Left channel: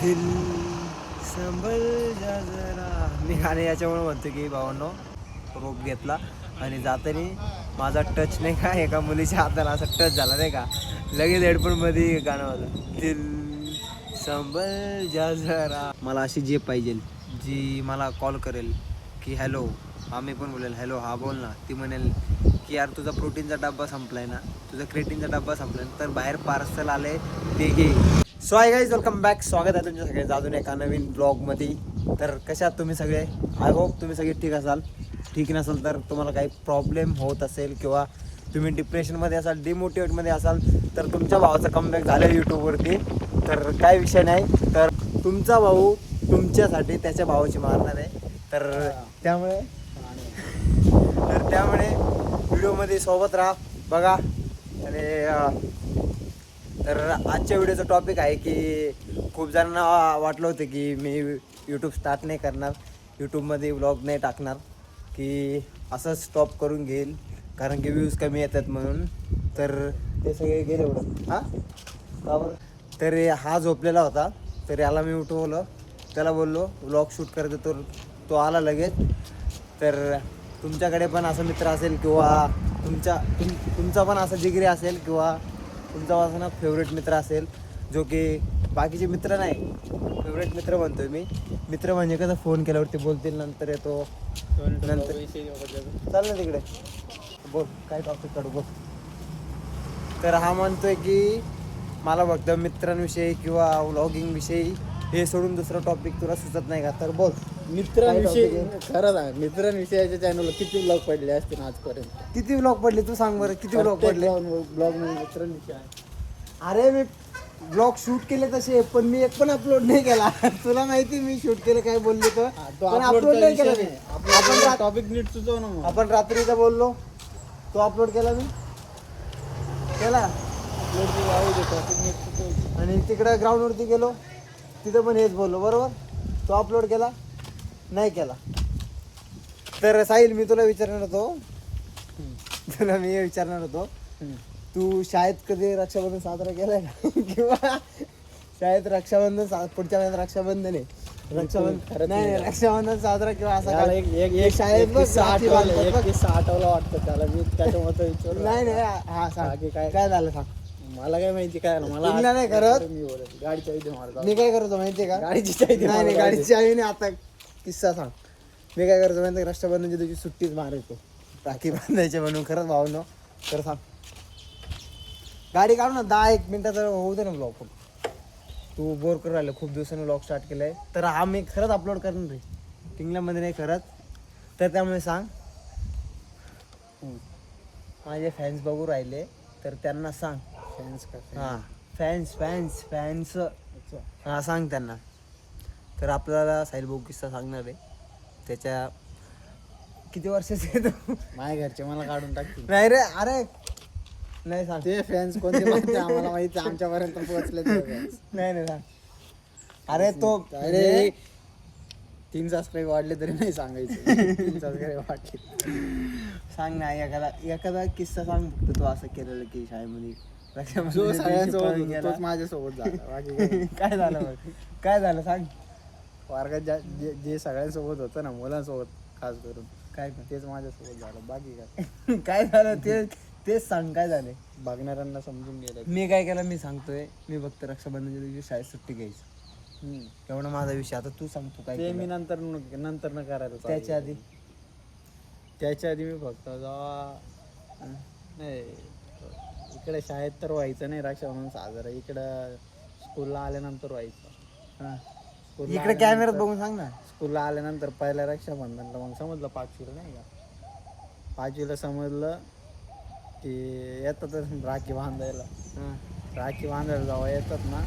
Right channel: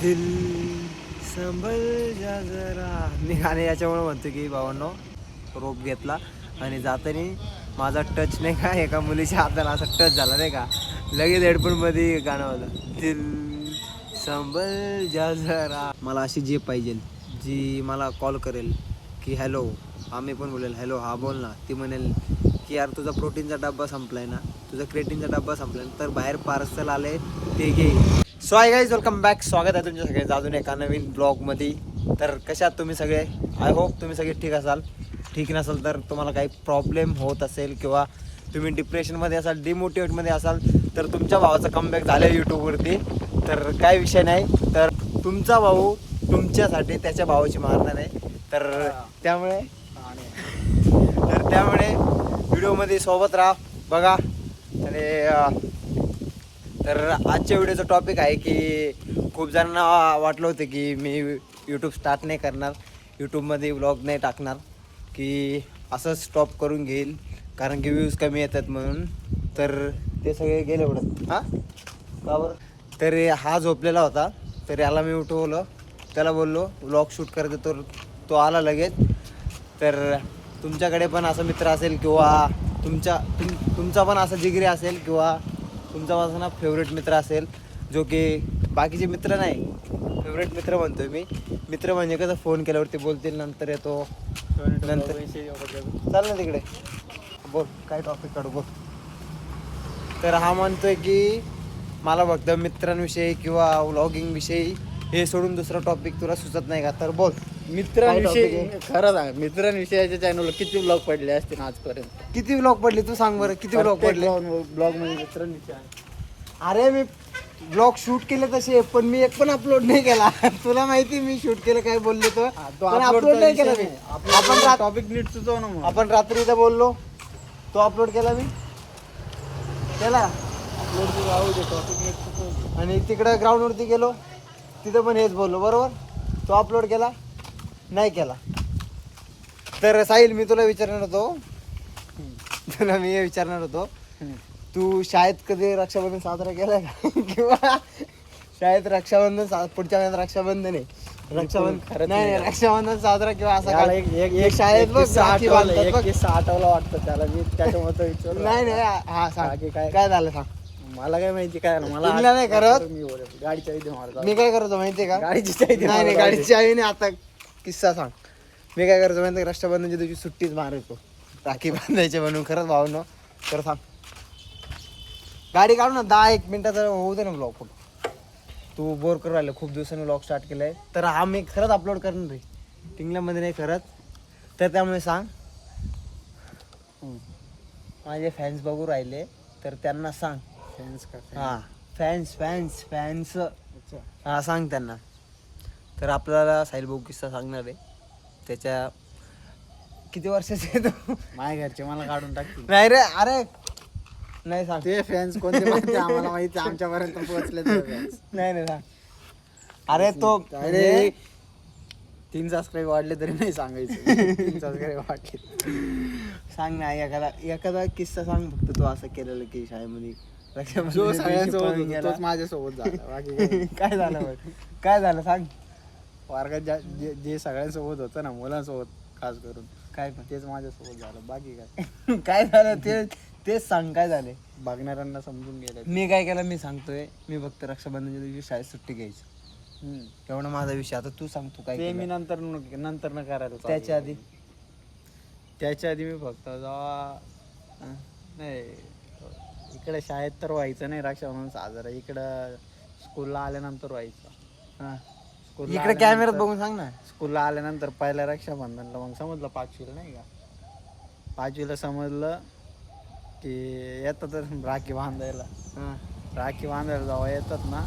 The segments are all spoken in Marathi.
दिल संभल जा जरा. मी गाणे याच्यामुळे म्हणतो की भावांनो रोप घेतला आणि जाताना माझा टच नाही का एका मुलीच्या हाताला असा टच झाला नाही का? लगेच हेडफोनमध्ये गाणं होतं. दिल संभल जा जरा. मला अशी जे पाहिजे जी मला कॉल करेल की हॅलो आम्ही पण बोलेल हॅलो हा बोल ना. ती म्हणेल की यार तुझा प्रोटीनचा डब्बा संपलाय ना. तुझा क्रेटीनचा डब्बा संपलाय ना. तर बाहेर पार्सल आले ते घे. So hi guys welcome back स्वागत आहे तुमच्या सगळ्यांचं अजून एका नवीन ब्लॉगमध्ये तर कशात तुम्ही सगळे? आय होप तुम्ही सगळे ठीक असाल. ठीक नसाल तर तुम्हाला काही प्रॉब्लेम होत असेल किंवा तुम्ही डिप्रेशनमध्ये असाल डिमोटिवेटमध्ये असाल तर तुमच्या भावाचं कमबॅक झालं यूट्यूबवरती तर काय विषय नाही. तर तुमचा भाऊ तुमच्यासाठी त्याच्या भावाची मारणार आहे. तर त्यामुळे तर त्यामुळे व्हिडिओमध्ये सोबत राहा. बघा. आणि तर आजच्या व्हिडिओचा टॉपिक आहे की खूप जणांना वाटलं होतं की मी यूट्यूब स्टार्ट नाही करणार यूट्यूबमध्ये व्लॉग नाही टाकणार की असं स्टॉप करून घेईल कारण की व्ह्यूज कमी येतात म्हणून. तर ते सगळे गेले एवढं. हां? का बरं? तर हा झोपलेला होता. तर याला मी उठवलं. त्याला बोललो व्लॉग शूट करतो तर तो आला लगेच. तर तुमच्याकडे पण असा मित्र असेल किंवा तुमच्या तुम तुमचा पण असा जिगरी असेल किंवा तुमचा माझा ना फेवरेट मित्र असेल जो की बाकीचे मित्र नाही फेवरेट मित्र म्हणतोय मी. मित्र म्हणजे कसं फोन केल्यावरती बोलतील नंतर येतो. नंतर चाल ना तिकडे. बोल काय टॉपिक काढू बघ तर हा म्हणतोय की मला फक्त मित्रांविषयी किंवा व्लॉगिंग विषयी हे सोडून दुसरा टॉपिक तुला सुचत नाही का? तर बोल. मित्रांविषयी खरं सांग मित्रांविषयाच्या चॅनलला किती ब्लॉग पडले असतील आजपर्यंत? किती व्लॉग पडले? तू सांग बरं किती व्लॉग पडले? ब्लॉगमध्ये मित्रांविषयी अरे मी ब्लॉग शूट केले तसे पण मी एक पण अपलोड नाही केला. तुला माहिती मी शूट केलं काय बोलले तो. तो पण upload अपलोड चा नाही विषय केला मी. नाही. आपण टॉपिक नीट सुचव ना मग. आपण रात्री इथं बोललो. तो अपलोड केला मी. केला? टॉपिक नीट सुचव आणि तिकडं ग्राउंडवरती गेलो. तिथं पण हेच बोललो बरोबर? तो अपलोड केला? नाही केला. तर साहिल मी तुला विचारणार होतो. तुला मी हे विचारणार होतो. तू शाळेत कधी रक्षाबंधन साजरा केलाय का? किंवा शाळेत रक्षाबंधन सा- पुढच्या महिन्यात रक्षाबंधन आहे? रक्षाबंधन नाही नाही. रक्षाबंधन साजरा किंवा असा काय? एक एक एक शाळेत बघ किस्सा राखी आठवला, बांधतात एक बघ. किस्सा आठवला वाटतं त्याला. मी त्याच्यामुळे विचारलं. नाही नाही हा सांग. काय? काय झालं सांग? मला काय माहिती काय मला नाही करत? मी बोलत मारतो काय करतो माहितीये का? गाडीची चावी दे नाही नाही मला, गाडीची आई नाही आता किस्सा सांग. मी काय करतो माहिती रक्षाबंधनच्या दिवशी सुट्टीच मारायचो. राखी बांधायचे म्हणून खरंच भावनो. तर सांग. गाडी काढू ना दहा एक मिनिटाचं होऊ दे ना ब्लॉग पण तू बोर करू राहिलं. खूप दिवसांनी ब्लॉग स्टार्ट केलाय. तर हा मी खरंच अपलोड करणार रे टिंगल्यामध्ये नाही खरंच. तर त्यामुळे सांग. माझे फॅन्स बघू राहिले. तर त्यांना सांग. Fans का? हां. फॅन्स फॅन्स फॅन्स अच्छा. हा सांग त्यांना. तर आपल्याला साहिल भाऊ किस्सा सांगणार आहे. त्याच्या किती वर्षाचे आहे तो माझ्या घरचे मला काढून टाकतील. नाही रे अरे. नाही सांग. ते फॅन्स कोणते माहिती? आम्हाला माहिती आमच्यापर्यंत पोहोचले ते fans. नाही नाही सांग. अरे तो अरे. तीन सबस्क्राईब वाढले तरी नाही सांगायचं. तीन सबस्क्राईब वाढले. सांग ना एखादा एखादा किस्सा सांग फक्त. तो असं केलेलं की शाळेमध्ये. जो सगळ्यांसोबत होता. तोच माझ्यासोबत झाला. बाकी काही नाही. काय झालं मग? काय झालं? सांग. वर्गात ज्या- जे जे सगळ्यांसोबत होतं ना मुलांसोबत खास करून. काय तेच माझ्यासोबत झालं. बाकी काय? काय झालं? ते तेच सांग काय झाले? बघणाऱ्यांना समजून गेलं. मी काय केलं? मी सांगतोय. मी फक्त रक्षाबंधनच्या दिवशी शाळेत सुट्टी घ्यायची. हम्म. एवढा माझा विषय. आता तू सांग तू काय ते मी? नंतर न- नंतर न करायला चालू त्याच्या केलं. आधी? त्याच्या आधी मी फक्त जेव्हा अं, नाही इकडे शाळेत तर व्हायचं नाही रक्षाबंधन साजरा. इकडं स्कूलला आल्यानंतर व्हायचं. हा. स्कूलला इकडे कॅमेऱ्यात आल्यानंतर- बघून सांग ना. स्कूलला आल्यानंतर पहिल्या रक्षाबंधनला. मग समजलं पाचवीला नाही का? पाचवीला समजलं की येतात राखी बांधायला. हा. राखी बांधायला जेव्हा येतात ना.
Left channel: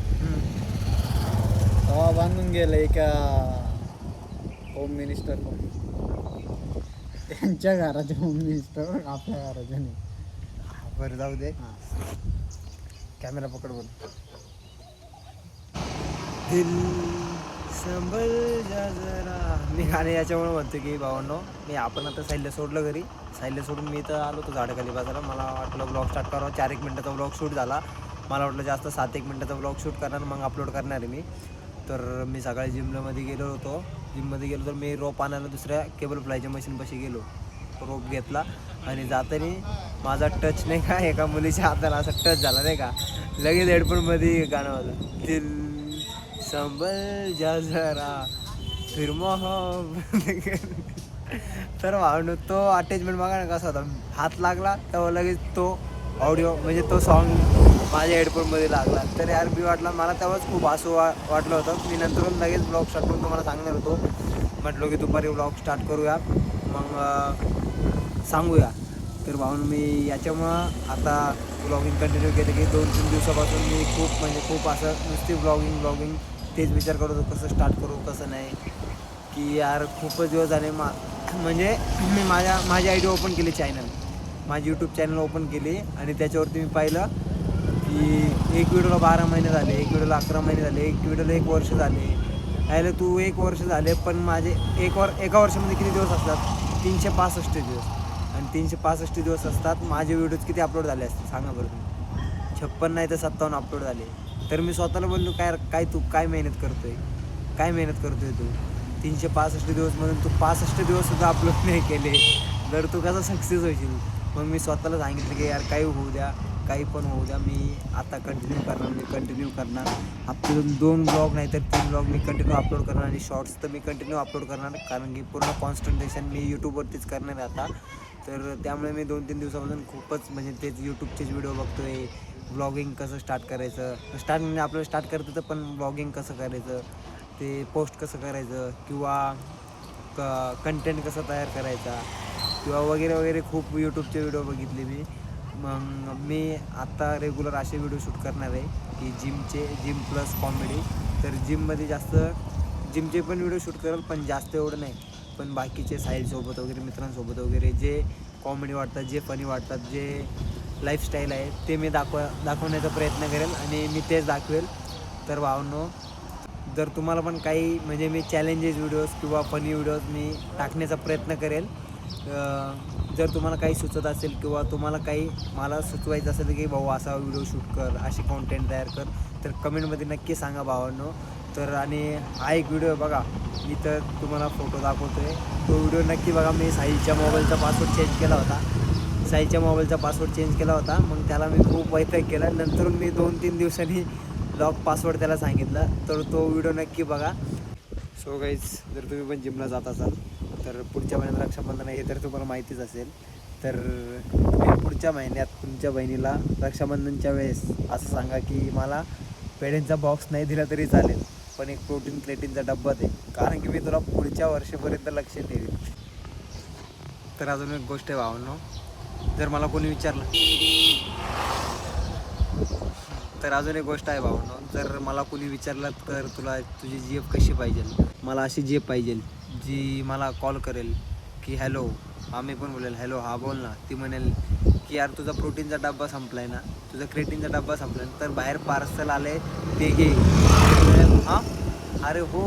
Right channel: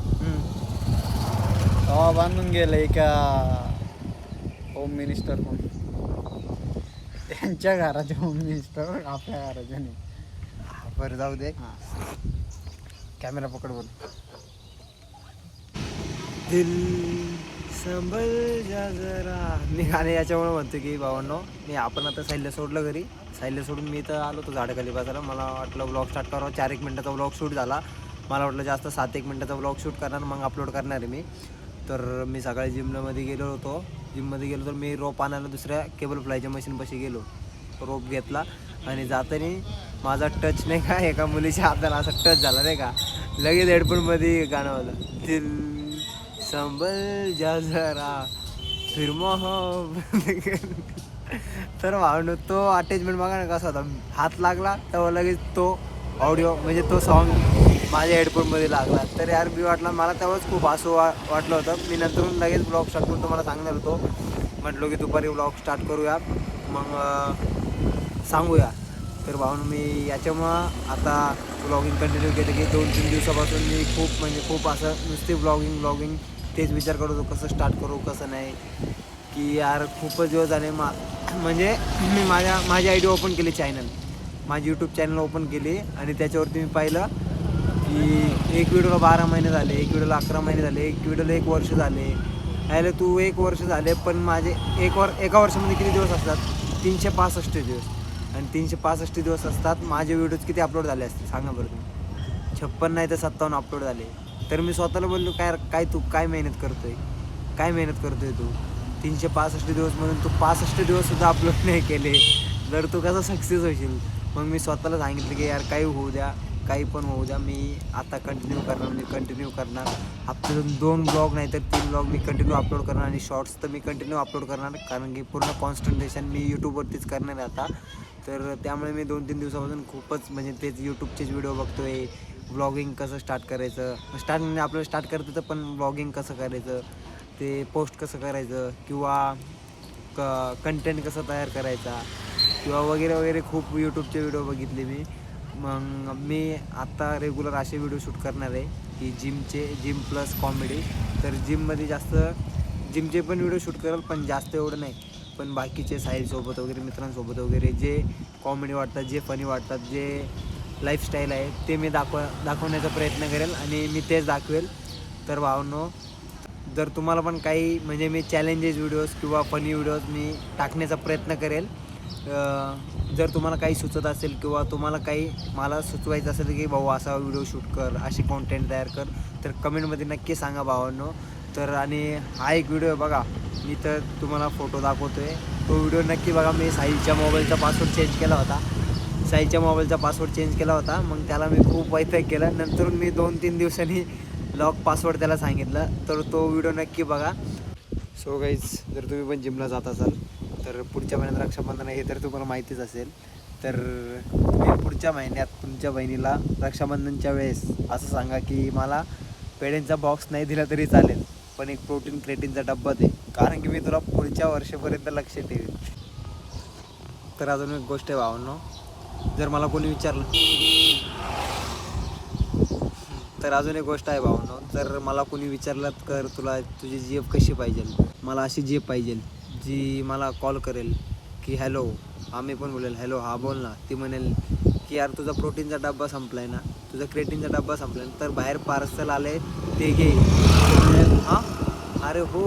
तेव्हा बांधून गेलं एका होम मिनिस्टर कोण त्यांच्या घराचे होम मिनिस्टर आपल्या घराचे नाही. बरं जाऊ दे. कॅमेरा पकड बोल. दिल संभल जा जरा. मी गाणे याच्यामुळे म्हणतो की भावांनो मी आपण आता साहित्य सोडलं घरी. साहित्य सोडून मी तर आलो तो झाडाखाली बाजारा मला वाटलं ब्लॉग स्टार्ट करावं. चार एक मिनटाचा ब्लॉग शूट झाला. मला वाटलं जास्त सात एक मिनटाचा ब्लॉग शूट करणार मग अपलोड करणार आहे मी. तर मी सकाळी जिममध्ये गेलो होतो. जिममध्ये गेलो तर मी रोप आणायला दुसऱ्या केबल फ्लायच्या मशीनपाशी गेलो. रोप घेतला. आणि जाताना माझा टच नाही का? एका मुलीच्या हाताला असा टच झाला नाही का? लगेच हेडफोनमध्ये गाणं आलं दिल संबल जा जरा फिर तर भावनो तो अटॅचमेंट बघा ना कसा होता. हात लागला तेव्हा लगेच तो ऑडिओ म्हणजे तो सॉन्ग माझ्या हेडफोनमध्ये लागला. तर यार मी वाटला मला तेव्हाच खूप हसू वा वाटलं होतं. मी नंतरून लगेच ब्लॉग स्टार्ट करून तुम्हाला सांगणार होतो. म्हटलो की दुपारी ब्लॉग स्टार्ट करूया. मग सांगूया. तर भाऊन मी याच्यामुळं आता ब्लॉगिंग कंटिन्यू केलं की दोन तीन दिवसापासून मी खूप म्हणजे खूप असं नुसते ब्लॉगिंग ब्लॉगिंग तेच विचार करत होतो कसं स्टार्ट करू कसं नाही. की यार खूपच दिवस झाले मा म्हणजे मी माझ्या माझी आय डी ओपन केली चॅनल माझी यूट्यूब चॅनल ओपन केली आणि त्याच्यावरती मी पाहिलं की एक व्हिडिओला बारा महिने झाले एक व्हिडिओला अकरा महिने झाले एक व्हिडिओला एक वर्ष झाले. यायला तू एक वर्ष झाले पण माझे एक वर एका वर्षामध्ये किती दिवस असतात? तीनशे पासष्ट दिवस. आणि तीनशे पासष्ट दिवस असतात. माझे व्हिडिओज किती अपलोड झाले असते सांगा बरं तुम्ही. छप्पन नाही तर सत्तावन्न अपलोड झाले. तर मी स्वतःला बोललो काय काय तू काय मेहनत करतोय? काय मेहनत करतोय तू? तीनशे पासष्ट दिवस म्हणून तू पासष्ट दिवससुद्धा अपलोड नाही केले. तर तू कसा सक्सेस होशील? मग मी स्वतःला सांगितलं की यार काही होऊ द्या. काही पण होऊ द्या मी आता कंटिन्यू करणार म्हणजे कंटिन्यू करणार. हप्त्यातून दोन ब्लॉग नाही तर तीन ब्लॉग मी कंटिन्यू अपलोड करणार आणि शॉर्ट्स तर मी कंटिन्यू अपलोड करणार कारण की पूर्ण कॉन्सन्ट्रेशन मी यूट्यूबवरतीच करणार आहे आता. तर त्यामुळे मी दोन तीन दिवसापासून खूपच म्हणजे तेच यूट्यूबचेच व्हिडिओ बघतो आहे ब्लॉगिंग कसं स्टार्ट करायचं. स्टार्ट म्हणजे आपलं स्टार्ट करतं तर पण ब्लॉगिंग कसं करायचं ते पोस्ट कसं करायचं किंवा क कंटेंट कसा तयार करायचा किंवा वगैरे वगैरे खूप यूट्यूबचे व्हिडिओ बघितले मी. मग मी आत्ता रेग्युलर असे व्हिडिओ शूट करणार आहे की जिमचे जिम प्लस कॉमेडी तर जिममध्ये जास्त जिमचे पण व्हिडिओ शूट करेल पण जास्त एवढं नाही. पण बाकीचे साईडसोबत वगैरे मित्रांसोबत वगैरे जे कॉमेडी वाटतात जे फनी वाटतात जे लाईफस्टाईल आहे ते मी दाखवा दाखवण्याचा प्रयत्न करेल आणि मी तेच दाखवेल. तर भावनो जर तुम्हाला पण काही म्हणजे मी चॅलेंजेस व्हिडिओज किंवा फनी व्हिडिओज मी टाकण्याचा प्रयत्न करेल जर तुम्हाला काही सुचत असेल किंवा तुम्हाला काही मला सुचवायचं असेल की भाऊ असा व्हिडिओ शूट कर अशी कॉन्टेंट तयार कर तर कमेंटमध्ये नक्की सांगा भावांनो. तर आणि हा एक व्हिडिओ बघा मी तर तुम्हाला फोटो दाखवतो आहे तो व्हिडिओ नक्की बघा मी साईच्या मोबाईलचा पासवर्ड चेंज केला होता. साईच्या मोबाईलचा पासवर्ड चेंज केला होता. मग त्याला मी खूप वैताग केला. नंतर मी दोन तीन दिवसांनी लॉक पासवर्ड त्याला सांगितला. तर तो व्हिडिओ नक्की बघा. सो गाईज जर तुम्ही पण जिमला जात असाल तर पुढच्या महिन्यात रक्षाबंधन आहे हे तर तुम्हाला माहितीच असेल. तर तुम्ही पुढच्या महिन्यात तुमच्या बहिणीला रक्षाबंधनच्या वेळेस असं सांगा की मला पेढ्यांचा बॉक्स नाही दिला तरी चालेल पण एक प्रोटीन क्रेटीनचा डब्बा दे. कारण की मी तुला पुढच्या वर्षापर्यंत लक्ष ठेवीन. तर अजून एक गोष्ट आहे भावनो जर मला कोणी विचारलं. तर अजून एक गोष्ट आहे भावनो जर मला कोणी विचारलं तर तुला तुझी जीएफ कशी पाहिजे मला अशी जीएफ पाहिजे जी मला कॉल करेल की हॅलो आम्ही पण बोलेल हॅलो हा बोल ना. ती म्हणेल की यार तुझा प्रोटीनचा डब्बा संपलाय ना. तुझा क्रेटीनचा डब्बा संपलाय ना. तर बाहेर पार्सल आले ते घे. म्हणेल हां? अरे हो.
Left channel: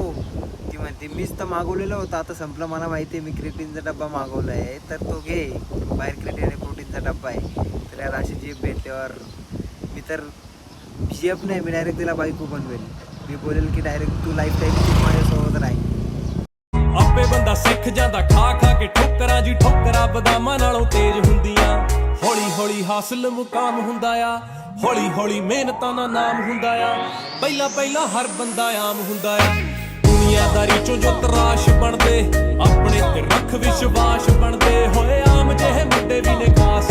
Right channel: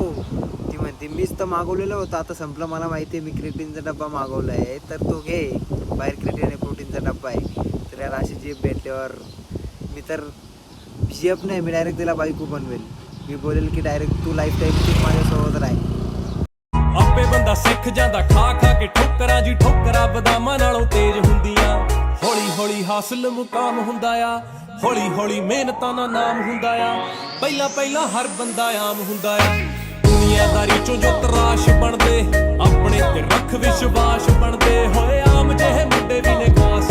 ती म्हणते मीच तर मागवलेलं होतं. आता संपलं. मला माहिती आहे मी क्रेटीनचा डब्बा मागवला आहे तर तो घे. बाहेर क्रेटीन आणि प्रोटीनचा डब्बा आहे. तर यार अशी जीप भेटल्यावर मी तर जीएफ नाही. मी डायरेक्ट तिला बायको बनवेल. मी बोलेल की डायरेक्ट तू लाईफ टाईम तू माझ्यासोबत राह. ਤਾਂ ਸਿੱਖ ਜਾਂਦਾ, ਖਾ ਖਾ ਕੇ ਠੋਕਰਾਂ ਜੀ ਠੋਕਰਾਂ ਬਦਾਮਾਂ ਨਾਲੋਂ ਤੇਜ਼ ਹੁੰਦੀਆਂ। ਹੌਲੀ ਹੌਲੀ ਹਾਸਲ ਮੁਕਾਮ ਹੁੰਦਾ ਆ, ਹੌਲੀ ਹੌਲੀ ਮਿਹਨਤਾਂ ਦਾ ਨਾਮ ਹੁੰਦਾ ਆ। ਪਹਿਲਾ ਪਹਿਲਾ ਹਰ ਬੰਦਾ ਆਮ ਹੁੰਦਾ ਆ। ਦੁਨੀਆਦਾਰੀ ਚੋਂ ਜੋ ਤਰਾਸ਼ ਬਣਦੇ, ਆਪਣੇ ਤੇ ਰੱਖ ਵਿਸ਼ਵਾਸ ਬਣਦੇ। ਹੋਏ ਆਮ ਜਿਹੇ ਮੁੰਡੇ ਵੀ ਨਿਕਾਸ